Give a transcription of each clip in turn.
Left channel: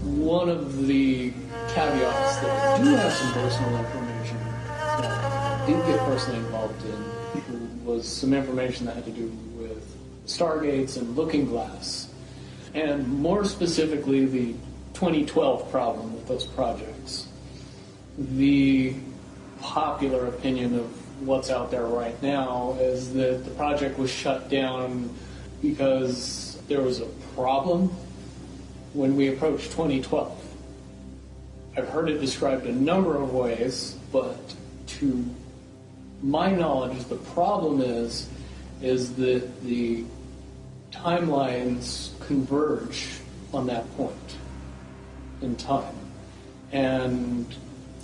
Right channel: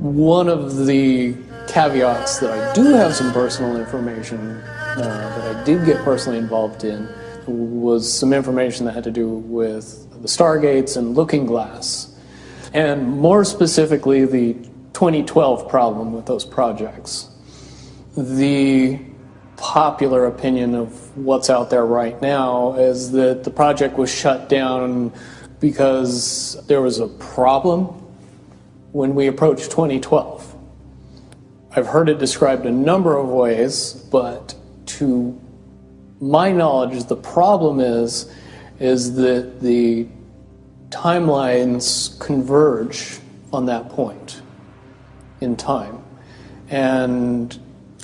One of the caveats that I do have some personal information that I did get personally involved in was some information that had to do with the Stargates and Looking Glass, and more specifically the 2012 problem with those projects. The popular opinion of what's out there right now is that the project was shut down because there was a problem when we approached 2012. I've heard it described a number of ways, but to my knowledge, the problem is that the timelines converge on that point in time. And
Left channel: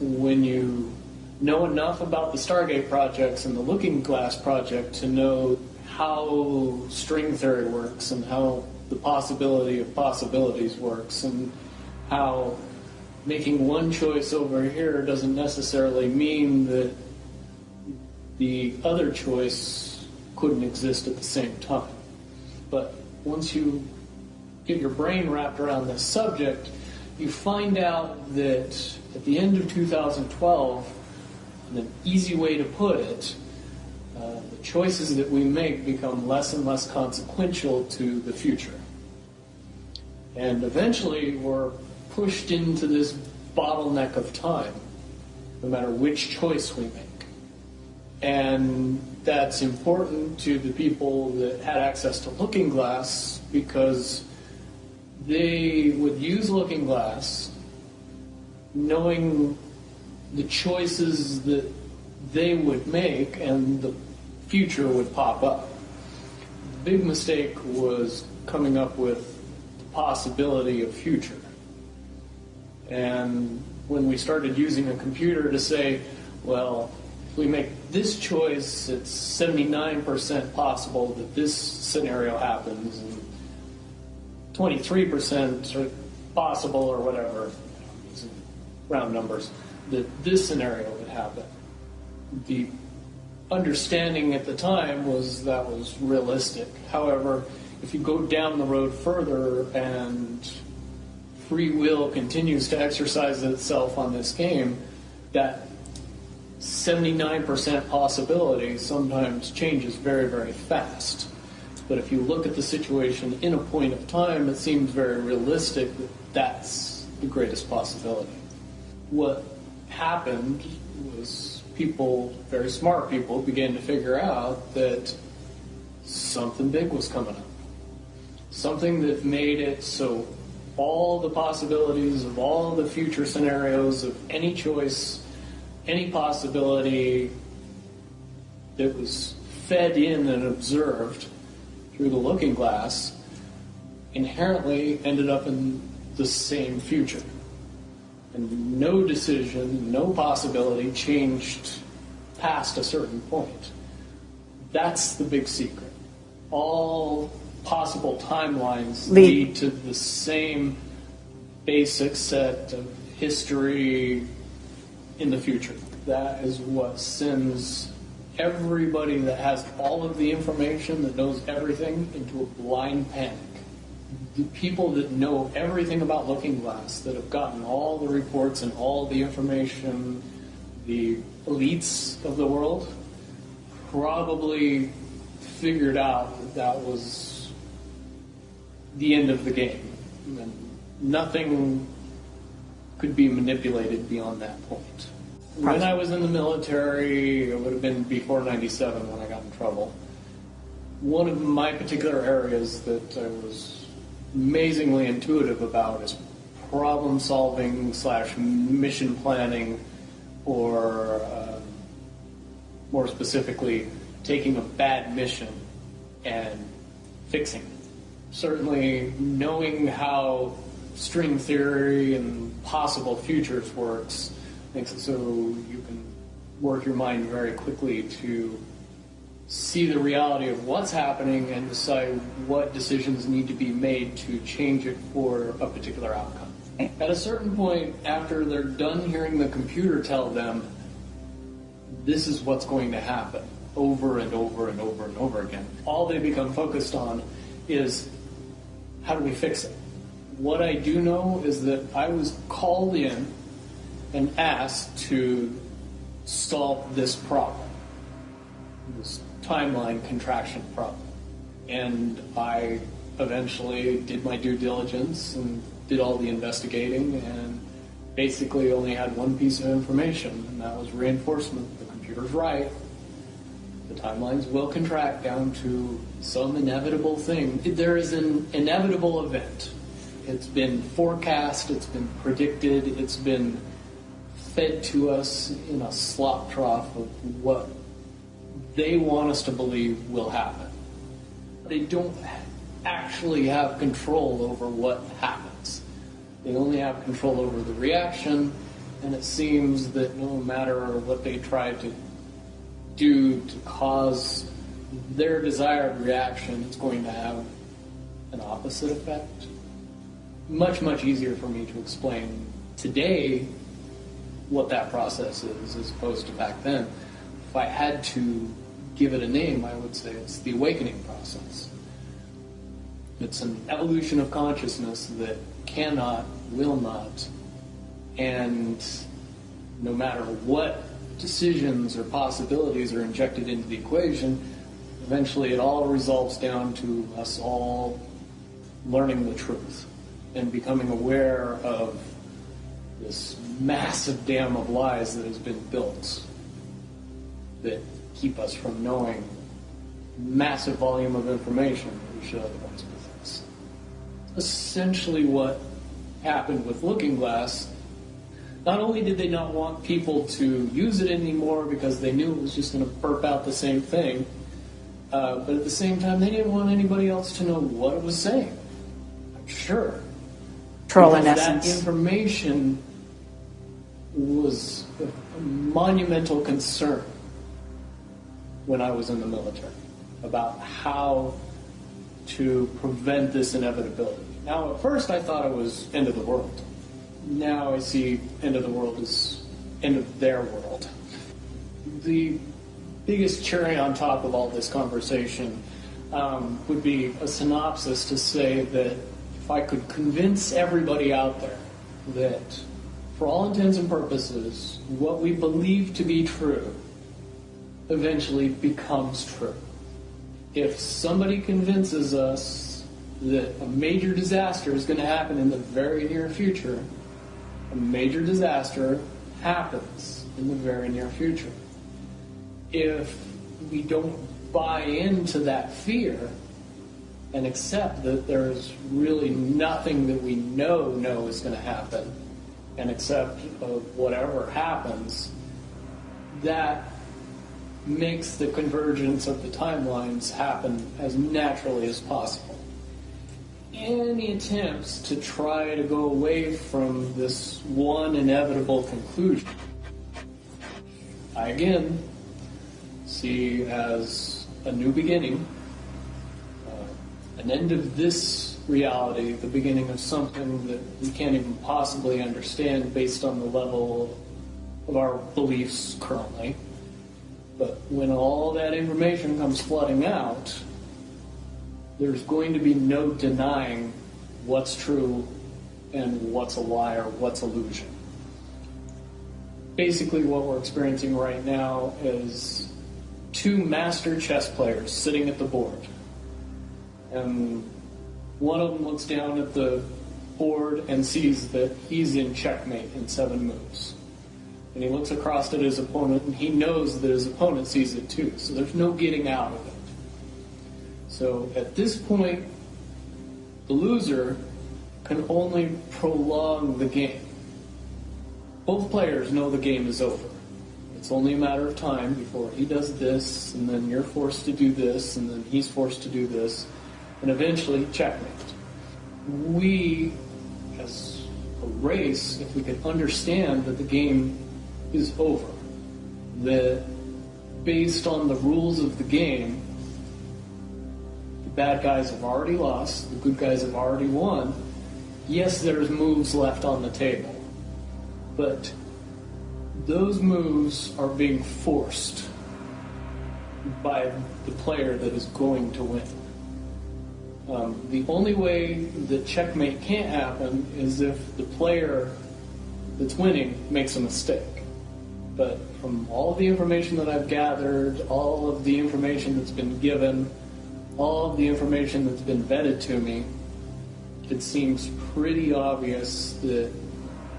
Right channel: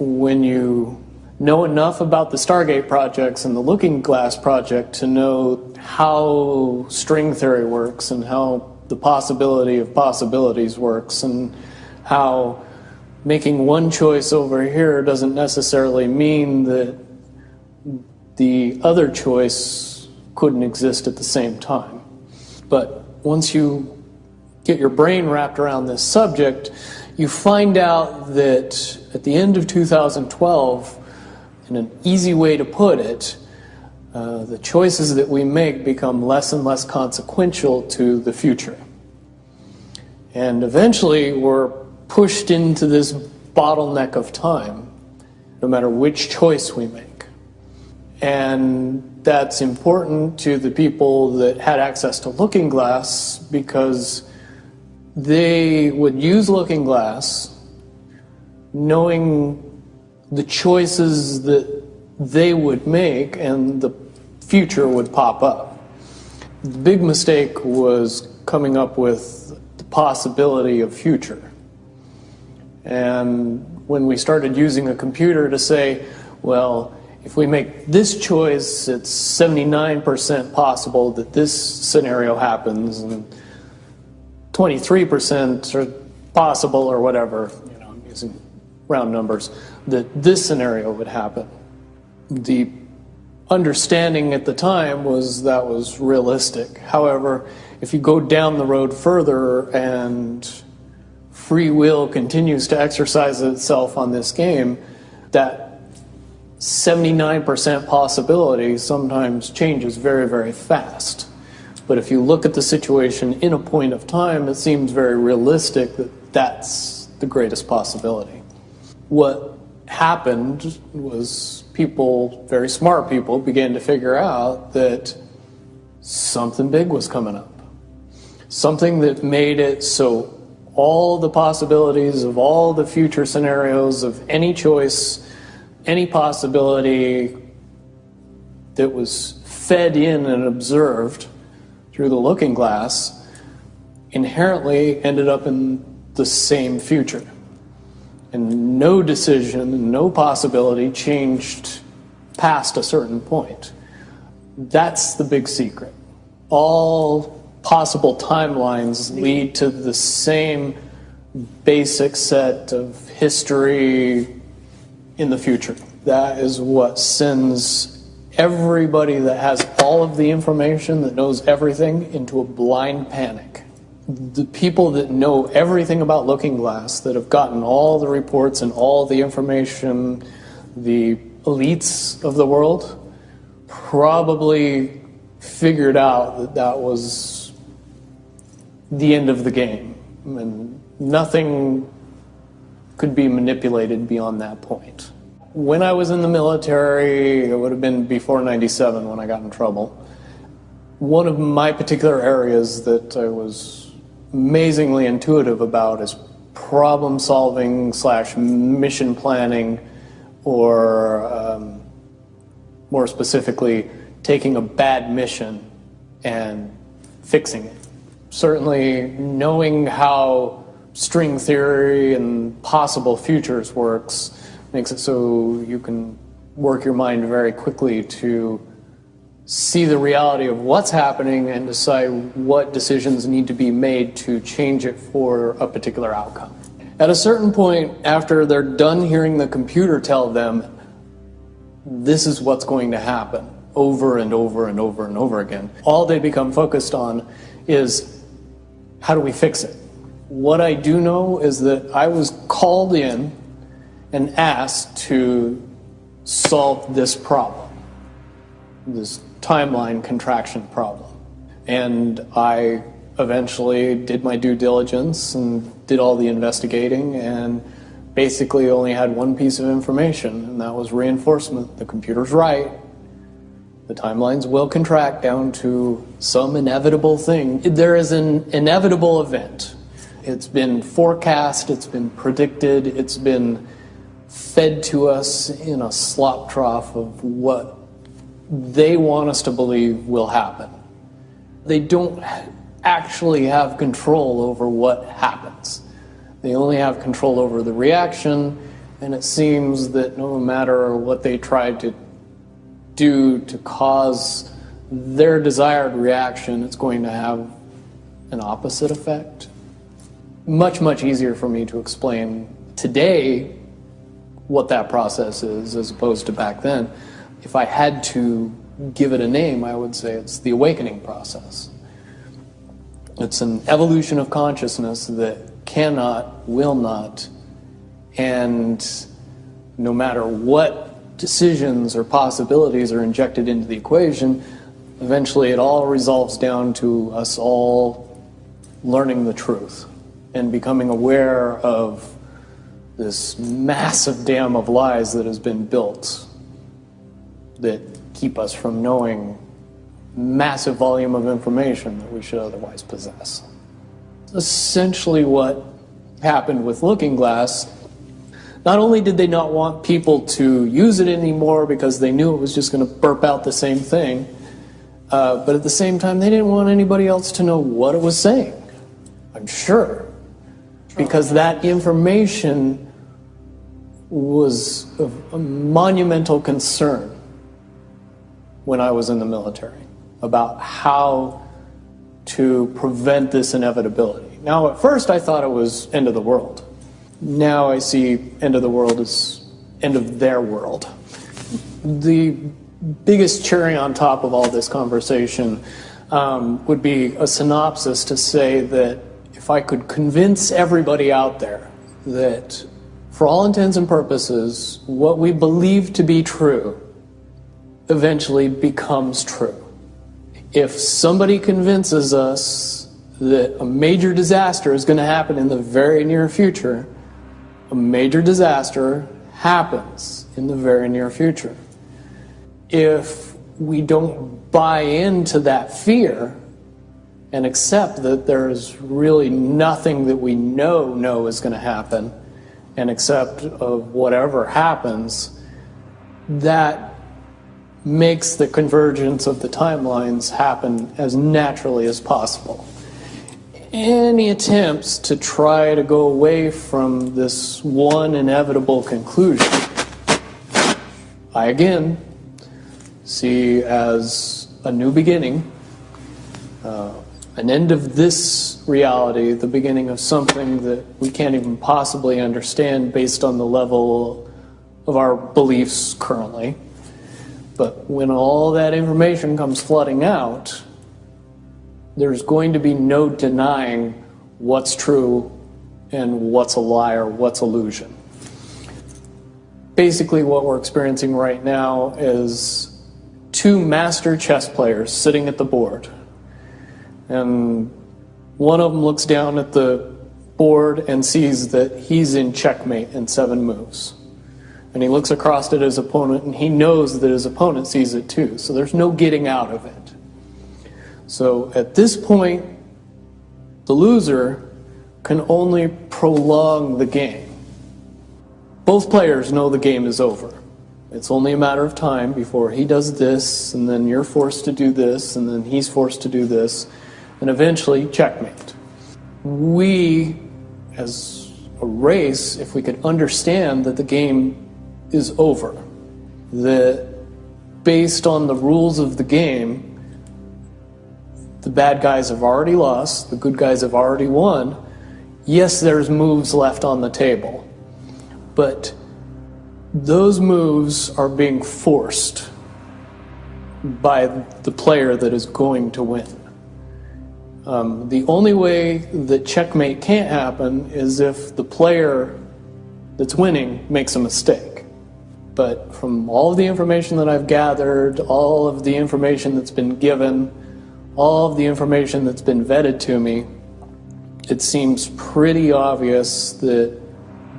when you know enough about the Stargate projects and the Looking Glass project to know how string theory works and how the possibility of possibilities works and how making one choice over here doesn't necessarily mean that the other choice couldn't exist at the same time. But once you get your brain wrapped around this subject, you find out that at the end of 2012, in an easy way to put it, the choices that we make become less and less consequential to the future. And eventually we're pushed into this bottleneck of time, no matter which choice we make. And that's important to the people that had access to Looking Glass because they would use Looking Glass knowing the choices that they would make and the future would pop up. The big mistake was coming up with the possibility of future. And when we started using a computer to say, well, if we make this choice, it's 79% possible that this scenario happens, and 23% are possible, or whatever, I'm using round numbers, that this scenario would happen. The understanding at the time was that was realistic. However, if you go down the road further and free will continues to exercise itself on this game, that 79% possibility sometimes changes very, very fast. But if you look at the situation in a point of time, it seems very realistic that that's the greatest possibility. What happened was people, very smart people, began to figure out that something big was coming up. Something that made it so all the possibilities of all the future scenarios of any choice, any possibility that was fed in and observed through the Looking Glass inherently ended up in the same future. And no decision, no possibility changed past a certain point. That's the big secret. All possible timelines lead to the same basic set of history in the future. That is what sends everybody that has all of the information, that knows everything, into a blind panic. The people that know everything about Looking Glass, that have gotten all the reports and all the information, the elites of the world, probably figured out that that was the end of the game. And nothing could be manipulated beyond that point. When I was in the military, it would have been before '97 when I got in trouble. One of my particular areas that I was amazingly intuitive about is problem solving / mission planning, or more specifically, taking a bad mission and fixing it. Certainly knowing how string theory and possible futures works makes it so you can work your mind very quickly to see the reality of what's happening and decide what decisions need to be made to change it for a particular outcome. At a certain point, after they're done hearing the computer tell them this is what's going to happen over and over and over and over again, all they become focused on is how do we fix it? What I do know is that I was called in and asked to solve this problem, this timeline contraction problem. And I eventually did my due diligence and did all the investigating and basically only had one piece of information, and that was reinforcement. The computer's right. The timelines will contract down to some inevitable thing. There is an inevitable event. It's been forecast, it's been predicted, it's been fed to us in a slop trough of what they want us to believe will happen. They don't actually have control over what happens. They only have control over the reaction, and it seems that no matter what they try to do to cause their desired reaction, it's going to have an opposite effect. Much, much easier for me to explain today what that process is as opposed to back then. If I had to give it a name, I would say it's the awakening process. It's an evolution of consciousness that cannot, will not, and no matter what decisions or possibilities are injected into the equation, eventually it all resolves down to us all learning the truth and becoming aware of this massive dam of lies that has been built that keep us from knowing massive volume of information that we should otherwise possess. Essentially what happened with Looking Glass, not only did they not want people to use it anymore because they knew it was just going to burp out the same thing, but at the same time they didn't want anybody else to know what it was saying, I'm sure. Because that information was of a monumental concern when I was in the military about how to prevent this inevitability. Now, at first I thought it was end of the world. Now I see end of the world as end of their world. The biggest cherry on top of all this conversation would be a synopsis to say that if I could convince everybody out there that for all intents and purposes, what we believe to be true eventually becomes true. If somebody convinces us that a major disaster is going to happen in the very near future, a major disaster happens in the very near future. If we don't buy into that fear and accept that there's really nothing that we know is going to happen, and accept of whatever happens, that makes the convergence of the timelines happen as naturally as possible. Any attempts to try to go away from this one inevitable conclusion, I again see as a new beginning, an end of this reality, the beginning of something that we can't even possibly understand based on the level of our beliefs currently. But when all that information comes flooding out, there's going to be no denying what's true and what's a lie or what's illusion. Basically what we're experiencing right now is two master chess players sitting at the board. And one of them looks down at the board and sees that he's in checkmate in 7 moves. And he looks across at his opponent and he knows that his opponent sees it too. So there's no getting out of it. So at this point, the loser can only prolong the game. Both players know the game is over. It's only a matter of time before he does this, and then you're forced to do this, and then he's forced to do this, and eventually checkmate. We, as a race, if we could understand that the game is over, that based on the rules of the game, the bad guys have already lost, the good guys have already won. Yes, there's moves left on the table, but those moves are being forced by the player that is going to win. The only way that checkmate can't happen is if the player that's winning makes a mistake. But from all of the information that I've gathered, all of the information that's been given, all of the information that's been vetted to me, it seems pretty obvious that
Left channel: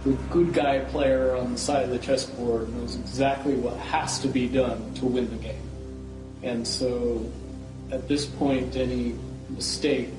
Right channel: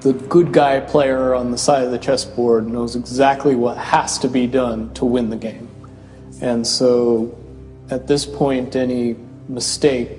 the good guy player on the side of the chessboard knows exactly what has to be done to win the game. And so at this point, any mistake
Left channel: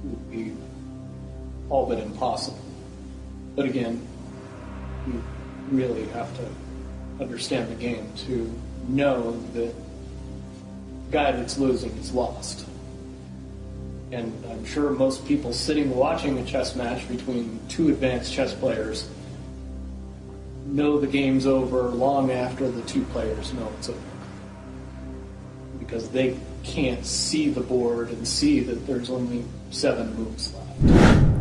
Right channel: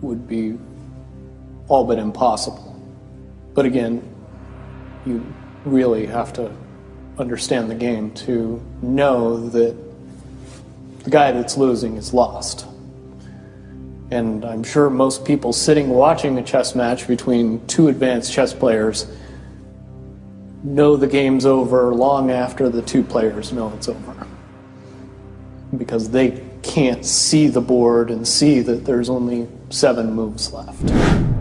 would be all but impossible. But again, you really have to understand the game to know that the guy that's losing is lost. And I'm sure most people sitting watching a chess match between two advanced chess players know the game's over long after the two players know it's over, because they can't see the board and see that there's only 7 moves left.